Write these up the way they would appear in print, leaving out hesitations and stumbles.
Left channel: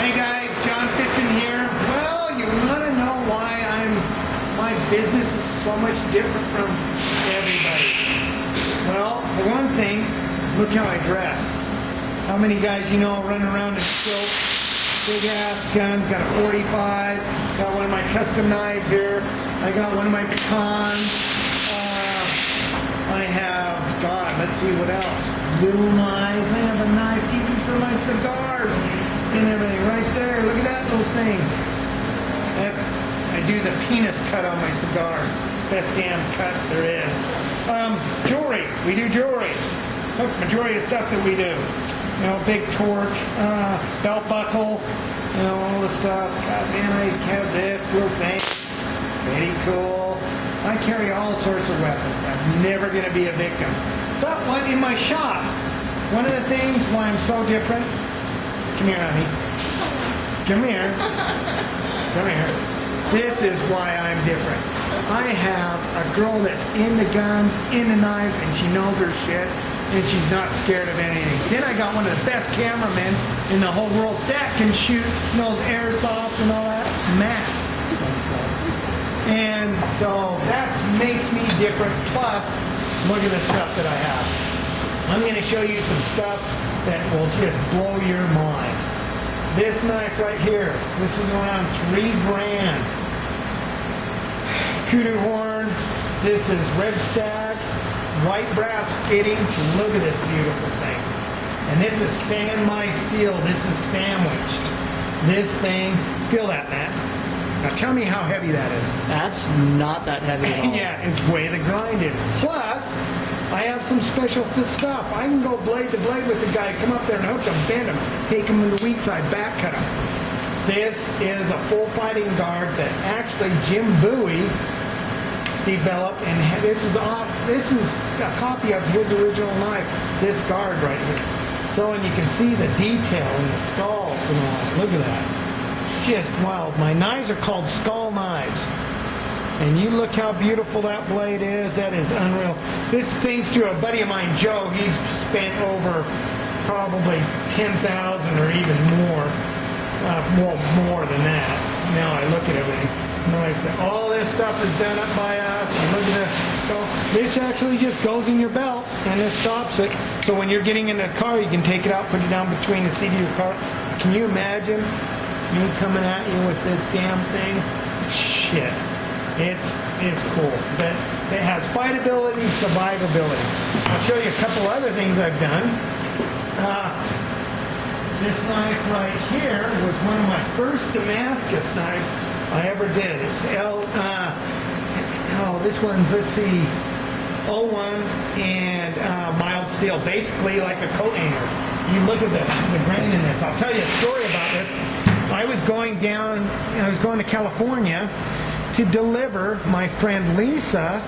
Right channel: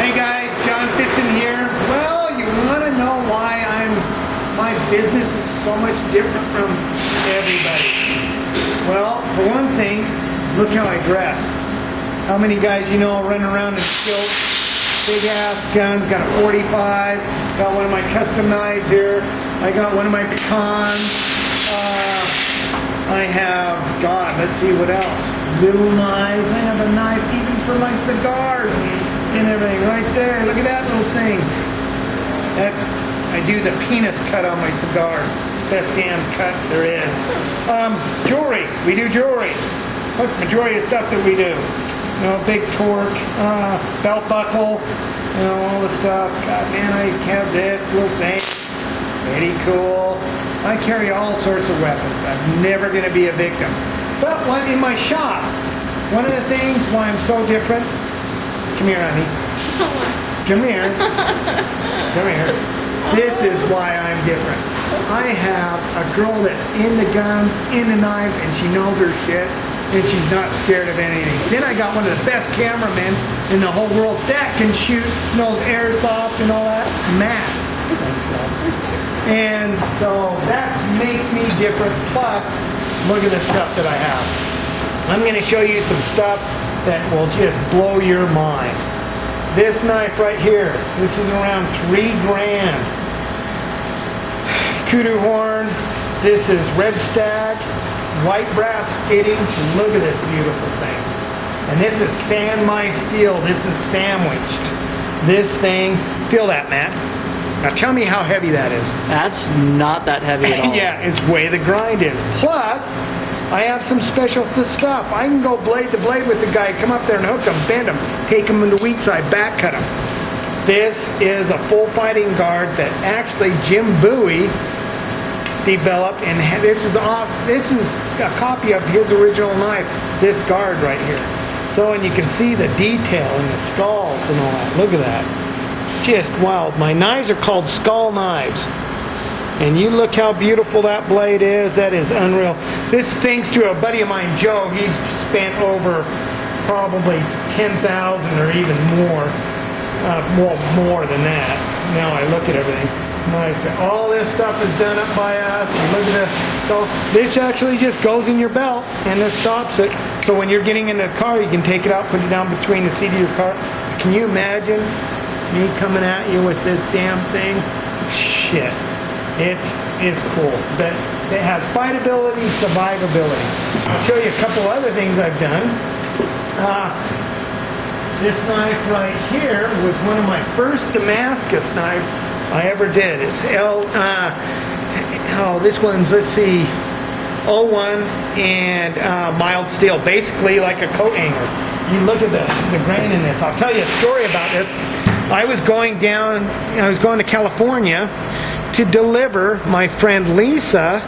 Hey guys, John Fitzen here. Well, you want to know why my business is so much different from everybody? Well, for one thing, look how I dress. How many guys you know running around in kilts, big ass guns, got a 45, got one of my custom knives here, I got one of my pecans, I have, God, let's see what else, little knives, I have a knife even for my cigars and everything right there. Look at that little thing. I do the penis cut on my cigars. Best damn cut there is. Jewelry. We do jewelry. Look, majority of stuff that we do. You know, big torque, belt buckle, you know, all the stuff. God, man, I have this little thing. Pretty cool. I carry all sorts of weapons. I'm never going to be a victim. But what in my shop, one of the things why I'm so different. Come here, honey. Come here. Come here. This is why I'm different. I have a girl that's into guns, into knives, and she knows her shit, and she's not scared of anything. Then I got one of the best cameramen in the whole world that can shoot, knows airsoft and all that. Matt. Thanks, love. And so that makes me different. Plus, look at the stuff that I have. I'm going to show you some stuff that will just blow your mind. This knife right here, this is around $3 grand. Kudu horn, this is red stag, white brass fittings. Look at this beautiful thing. And this is sandmai steel. This is sandwiched. This thing, feel that, Matt. Now tell me how heavy that is. That's not that heavy at all. Yeah, it's way the grind is. Plus, I have some special stuff. I can go blade to blade with the guy, come up there and hook him, bend him, take him in the weak side, back cut him. This is a full fighting guard that actually Jim Bowie developed, and this is a copy of his original knife, this guard right here. So, and you can see the detail in the skulls and all that. Look at that. Just wild. My knives are called skull knives. And you look how beautiful that blade is. That is unreal. This thanks to a buddy of mine, Joe. He's spent over probably $10,000 or even more. Well, more than that. Now I look at everything. Nice. But all this stuff is done up by us. You look at this. So this actually just goes in your belt and this stops it. So when you're getting in the car, you can take it out, put it down between the seat of your car. Can you imagine me coming at you with this damn thing? Shit. It's cool, but it has fightability, survivability. I'll show you a couple other things I've done. This knife right here was one of my first Damascus knives I ever did. It's this one's, let's see, 01 and mild steel, basically like a coat hanger. You look at the grain in this. I'll tell you a story about this. I was going to California to deliver my friend Lisa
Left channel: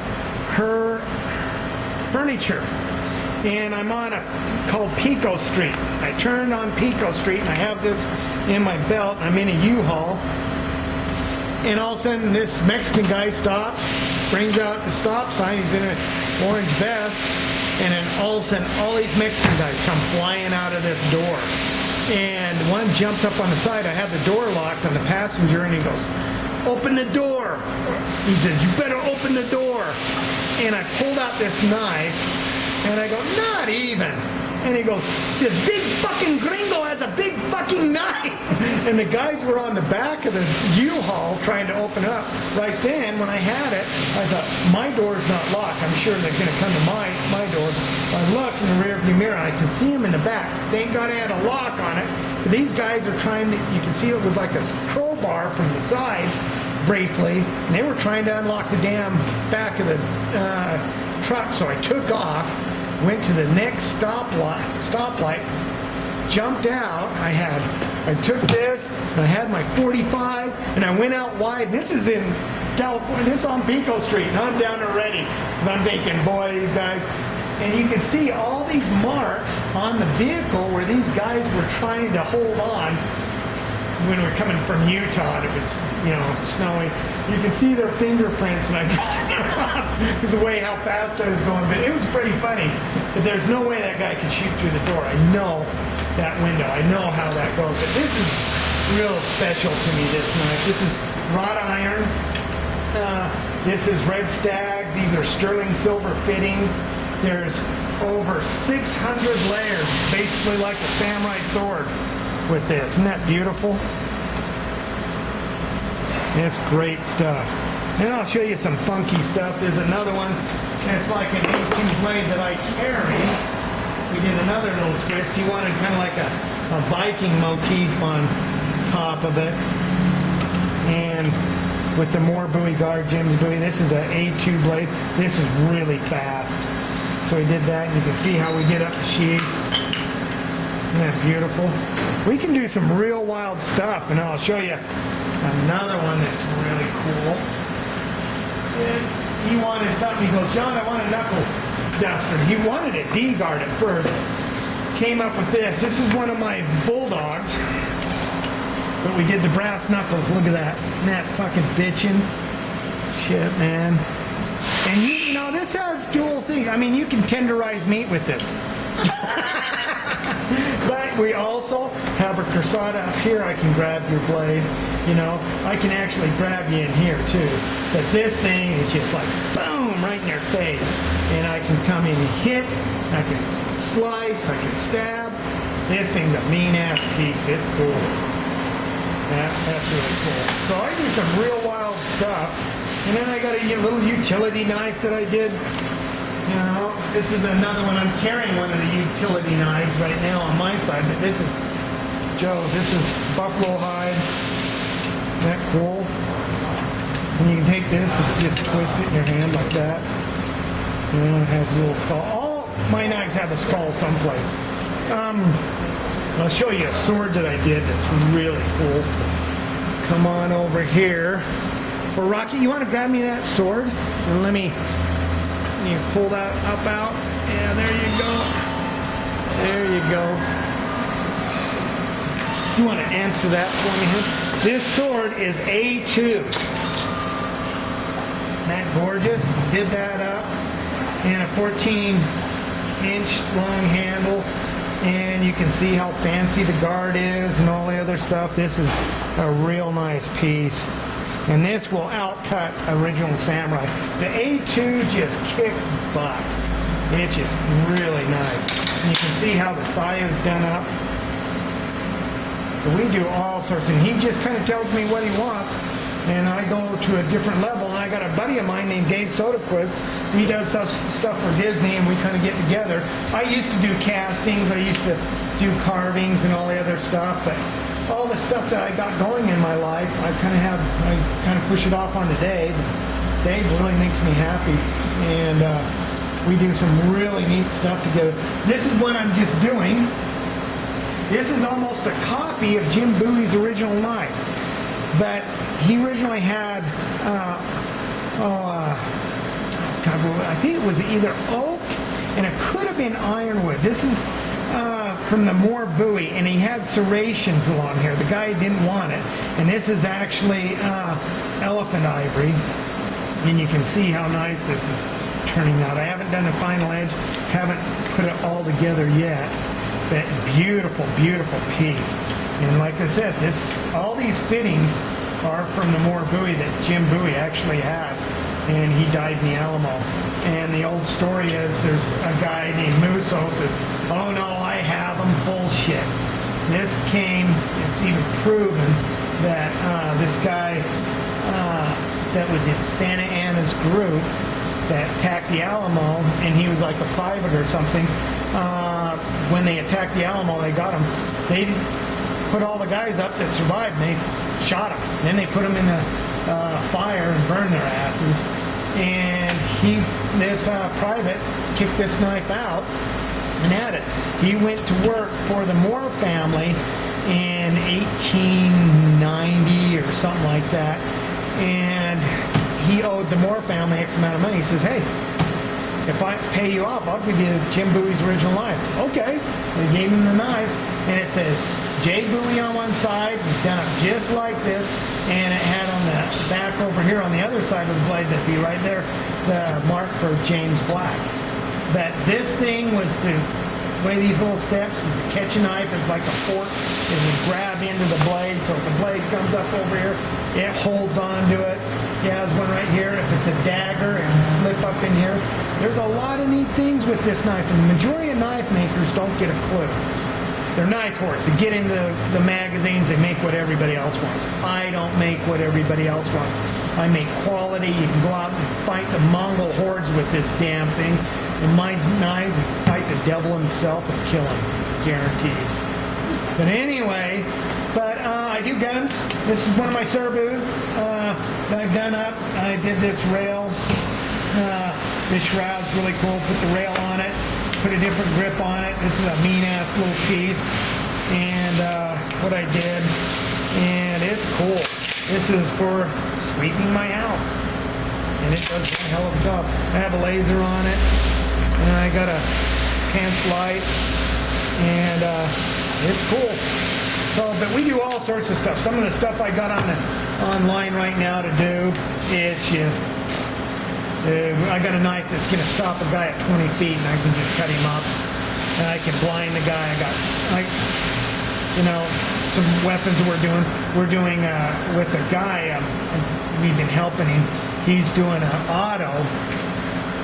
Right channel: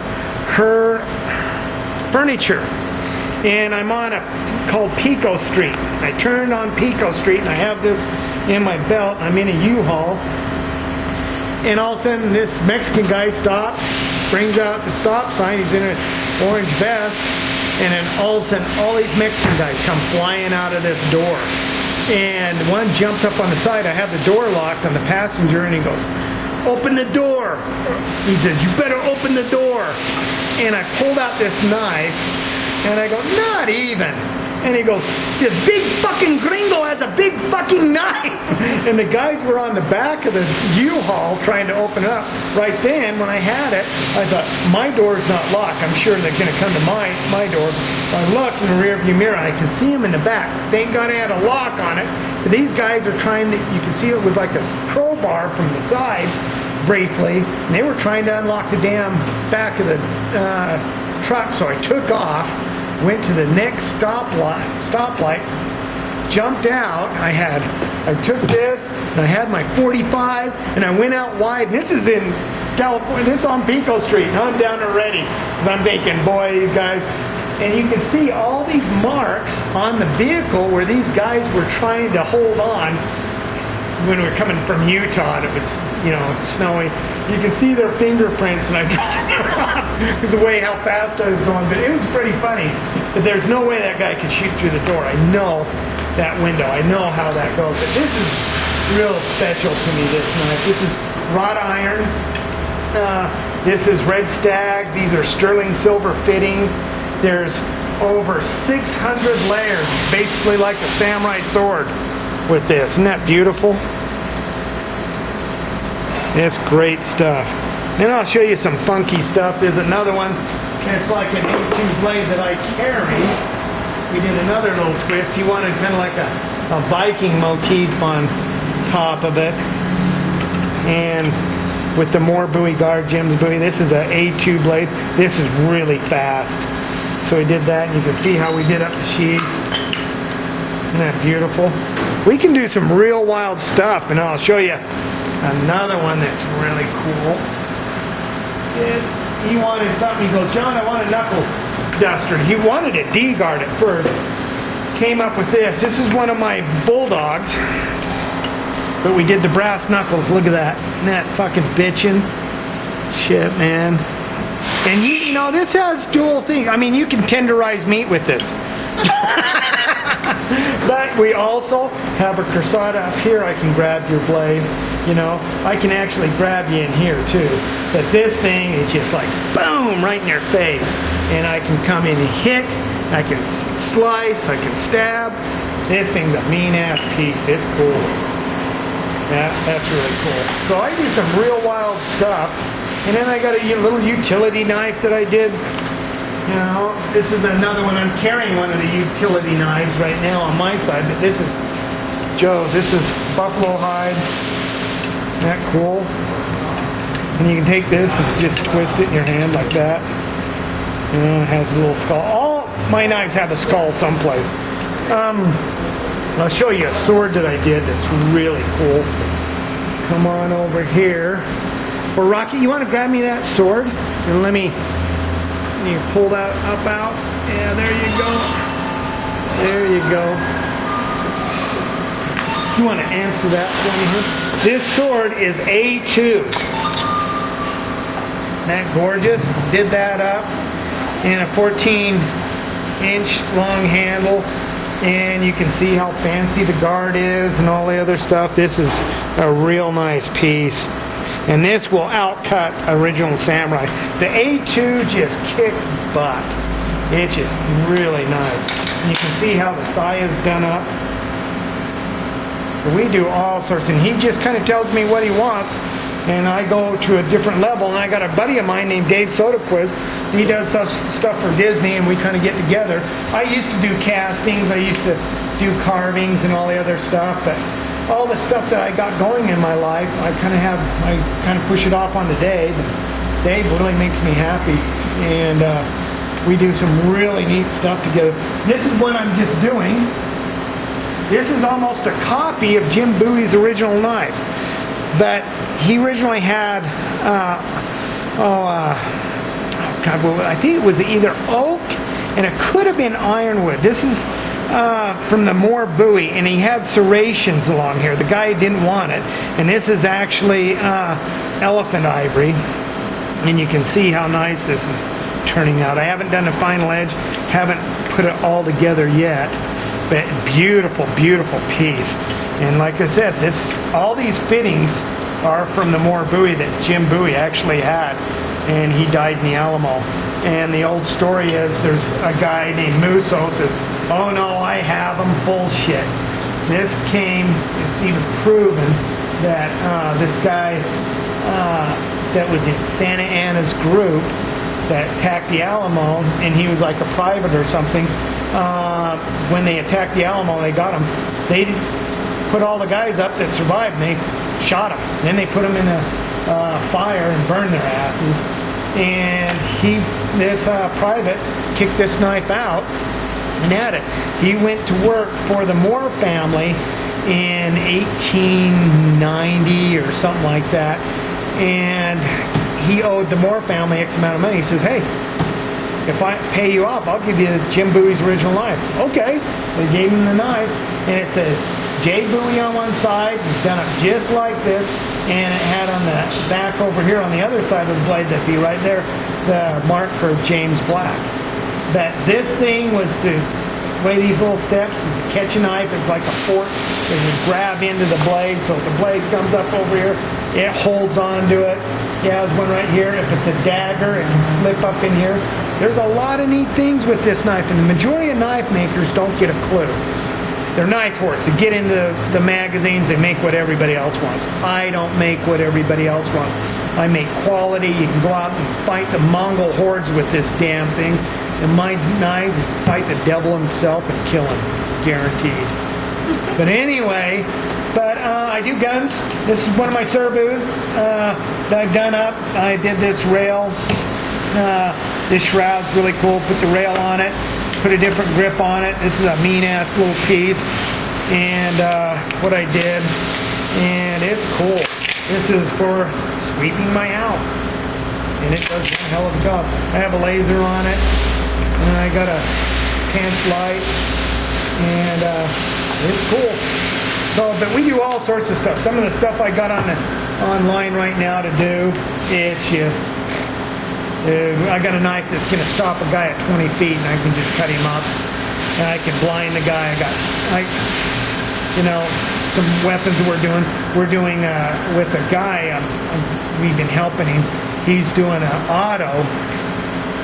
her furniture, and I'm on called Pico Street. I turned on Pico Street and I have this in my belt. I'm in a U-Haul, and all of a sudden this Mexican guy stops, brings out the stop sign. He's in an orange vest, and then all of a sudden all these Mexican guys come flying out of this door, and one jumps up on the side. I have the door locked on the passenger, and he goes, "Open the door." He says, "You better open the door." And I pulled out this knife, and I go, "Not even." And he goes, "This big fucking gringo has a big fucking knife." And the guys were on the back of the U-Haul trying to open it up. Right then, when I had it, I thought, my door's not locked. I'm sure they're going to come to my door. I look in the rearview mirror, and I can see them in the back. Thank God I had a lock on it. But these guys are trying to, you can see it was like a crowbar from the side, briefly. And they were trying to unlock the damn back of the truck. So I took off, went to the next stoplight, jumped out. I took this, and I had my 45, and I went out wide. And this is in California. This is on Pico Street, and I'm down there ready. Because I'm thinking, boy, these guys. And you can see all these marks on the vehicle where these guys were trying to hold on. When we were coming from Utah, and it was, snowy. You can see their fingerprints, and I dropped off because of the way how fast I was going. But it was pretty funny. But there's no way that guy could shoot through the door. I know that window. I know how that goes. But real special to me, this knife. This is wrought iron. This is red stag. These are sterling silver fittings. There's over 600 layers, basically like a samurai sword with this. Isn't that beautiful? It's great stuff. And I'll show you some funky stuff. There's another one. It's like an A2 blade that I carry. We did another little twist. He wanted kind of like a Viking motif on top of it. And with the more Bowie guard, Jim's Bowie, this is an A2 blade. This is really fast. So we did that, and you can see how we did up the sheaths. Isn't that beautiful? We can do some real wild stuff, and I'll show you another one that's really cool. He wanted something. He goes, John, I want a knuckle duster. He wanted a D-guard at first. Came up with this. This is one of my bulldogs, but we did the brass knuckles. Look at that. Isn't that fucking bitchin'? Shit, man. And you know, this has dual things. I mean, you can tenderize meat with this. But we also have a corsada up here. I can grab your blade. You know, I can actually grab you in here too. But this thing is just like boom, right in your face. And I can come in and hit. I can slice. I can stab. This thing's a mean ass piece. It's cool. That's really cool. So I do some real wild stuff. And then I got a little utility knife that I did. You know, this is another one. I'm carrying one of the utility knives right now on my side, but this is Joe's. This is buffalo hide. Isn't that cool? And you can take this and just twist it in your hand like that. And it has a little skull. All my knives have a skull someplace. I'll show you a sword that I did that's really cool. Come on over here. Or Rocky, you want to grab me that sword? And let me pull that up out. Yeah, there you go. There you go. You want to answer that for me here? This sword is A2. Isn't that gorgeous? Did that up in a 14-inch long handle. And you can see how fancy the guard is and all the other stuff. This is a real nice piece. And this will outcut original samurai. The A2 just kicks butt. It's just really nice. And you can see how the saya is done up. We do all sorts, and he just kind of tells me what he wants, and I go to a different level. And I got a buddy of mine named Dave Soderquist. He does stuff for Disney, and we kind of get together. I used to do castings. I used to do carvings and all the other stuff, but all the stuff that I got going in my life, I kind of push it off onto Dave. Dave really makes me happy, and we do some really neat stuff together. This is what I'm just doing. This is almost a copy of Jim Bowie's original knife, but he originally had, I think it was either oak, and it could have been ironwood. This is from the Moore Bowie, and he had serrations along here. The guy didn't want it, and this is actually elephant ivory, and you can see how nice this is turning out. I haven't done a final edge, haven't put it all together yet, but beautiful, beautiful piece. And like I said, all these fittings are from the Moore Bowie that Jim Bowie actually had, and he died in the Alamo. And the old story is there's a guy named Musso says, oh no, I have them. Bullshit. This came, it's even proven that this guy that was in Santa Anna's group that attacked the Alamo, and he was like a private or something. When they attacked the Alamo, they got him. They put all the guys up that survived, and they shot them. Then they put them in a fire and burned their asses. And this private kicked this knife out and had it. He went to work for the Moore family in 1890 or something like that, and he owed the Moore family X amount of money. He says, hey, if I pay you off, I'll give you Jim Bowie's original knife. Okay. They gave him the knife, and it says J. Bowie on one side, he's done it just like this, and it had on the back over here on the other side of the blade, that'd be right there, the mark for James Black. But this thing was the the way these little steps is to catch a knife. It's like a fork. And you grab into the blade. So if the blade comes up over here, it holds onto it. Yeah, there's one right here. If it's a dagger, it can slip up in here. There's a lot of neat things with this knife, and the majority of knife makers don't get a clue. They're knife whores. They get into the magazines, they make what everybody else wants. I don't make what everybody else wants. I make quality. You can go out and fight the Mongol hordes with this damn thing. And my knives, you fight the devil himself and kill him. Guaranteed. But anyway, I do guns. This is one of my Cerbus that I've done up. I did this rail. This shroud's really cool. Put the rail on it. Put a different grip on it. This is a mean-ass little piece. And what I did. And it's cool. This is for sweeping my house. And it does one hell of a job. I have a laser on it. And I got a pants light. And it's cool. So, but we do all sorts of stuff. Some of the stuff I got online right now to do, it's just, I got a knife that's going to stop a guy at 20 feet, and I can just cut him up, and I can blind the guy. Some weapons we're doing with a guy. We've been helping him. He's doing an auto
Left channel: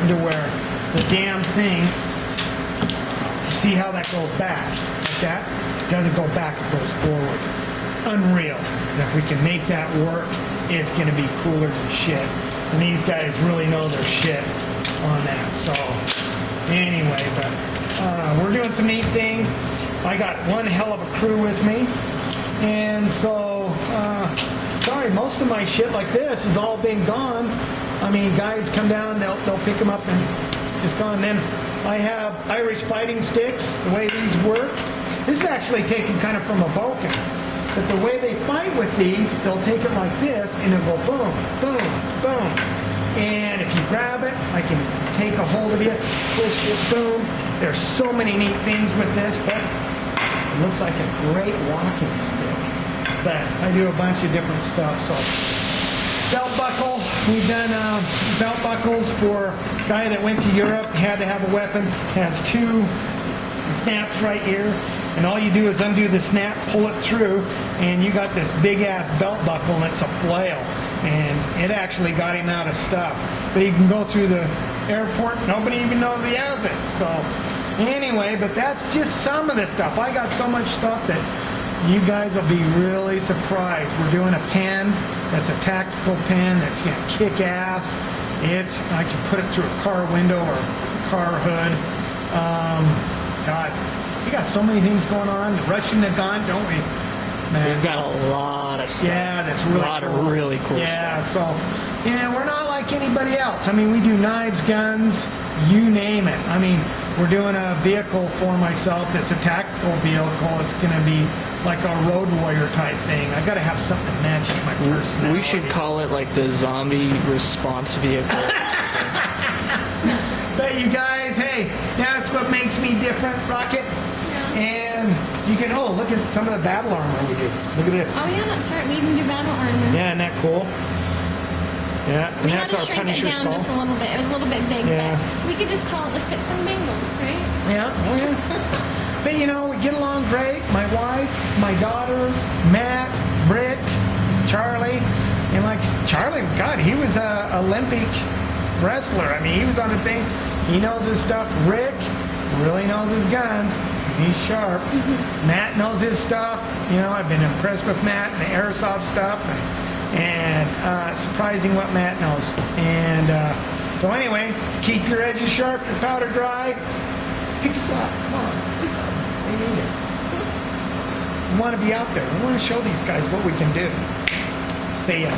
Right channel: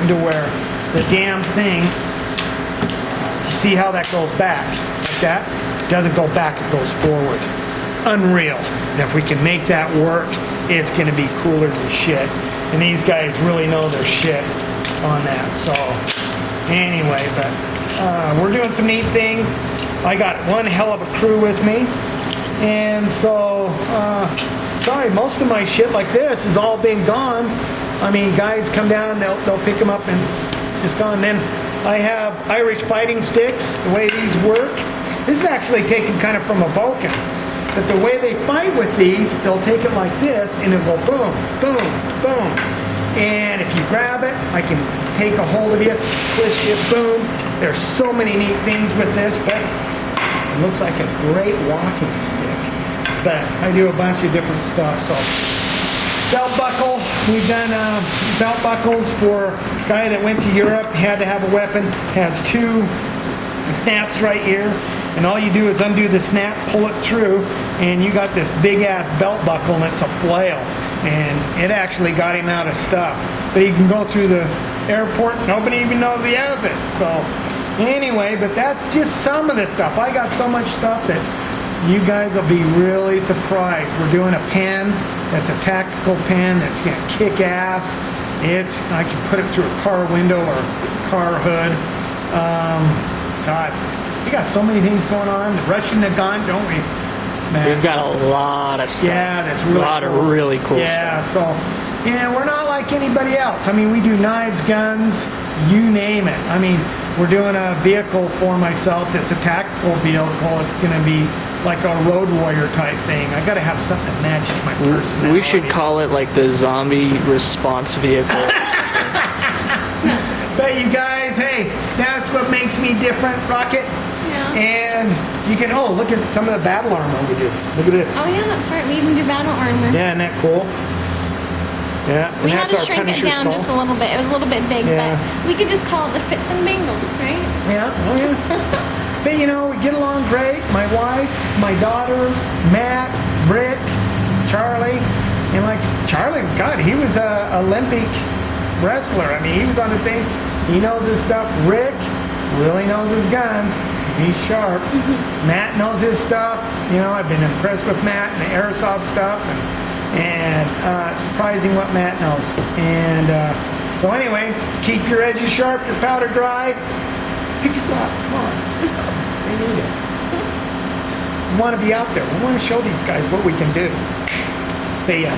to where the damn thing. You see how that goes back like that? It doesn't go back, it goes forward. Unreal. And if we can make that work, it's going to be cooler than shit. And these guys really know their shit on that. So anyway, but we're doing some neat things. I got one hell of a crew with me. And so, sorry, most of my shit like this has all been gone. I mean, guys come down, they'll pick them up and it's gone. Then I have Irish fighting sticks, the way these work. This is actually taken kind of from a Vulcan. But the way they fight with these, they'll take it like this and it'll go boom, boom, boom. And if you grab it, I can take a hold of you, twist you, boom. There's so many neat things with this, but it looks like a great walking stick. But I do a bunch of different stuff. So belt buckle, we've done belt buckles for a guy that went to Europe, had to have a weapon, has two snaps right here. And all you do is undo the snap, pull it through, and you got this big ass belt buckle, and it's a flail. And it actually got him out of stuff. But he can go through the airport, nobody even knows he has it. So anyway, but that's just some of the stuff. I got so much stuff that you guys will be really surprised. We're doing a pen that's a tactical pen that's gonna kick ass. I can put it through a car window or car hood. God. We got so many things going on. The Russian Nagant, don't we? Man. We've got a lot of stuff. Yeah, that's really a lot cool. of really cool stuff. stuff. So, we're not like anybody else. I mean, we do knives, guns, you name it. I mean, we're doing a vehicle for myself that's a tactical vehicle. It's going to be like a road warrior type thing. I got to have something that matches my personality. We should call it like the zombie response vehicle. But you guys, hey, that's what makes me different, Rocket. And you can, look at some of the battle armor we do. Look at this. Oh yeah, that's right. We even do battle armor. Yeah, isn't that cool? Yeah, and we that's had to our shrink it Punisher down skull. just a little bit. It was a little bit big, Yeah. but we could just call it the Fits and Bangles, right? Yeah, oh yeah. But we get along great. My wife, my daughter, Matt, Brick, Charlie. And like Charlie, God, he was a Olympic wrestler. I mean, he was on the thing. He knows his stuff. Rick really knows his guns. He's sharp. Matt knows his stuff. I've been impressed with Matt and the airsoft stuff, and surprising what Matt knows. And so anyway, keep your edges sharp, your powder dry. Pick us up. Come on. They need us. We want to be out there. We want to show these guys what we can do. See ya.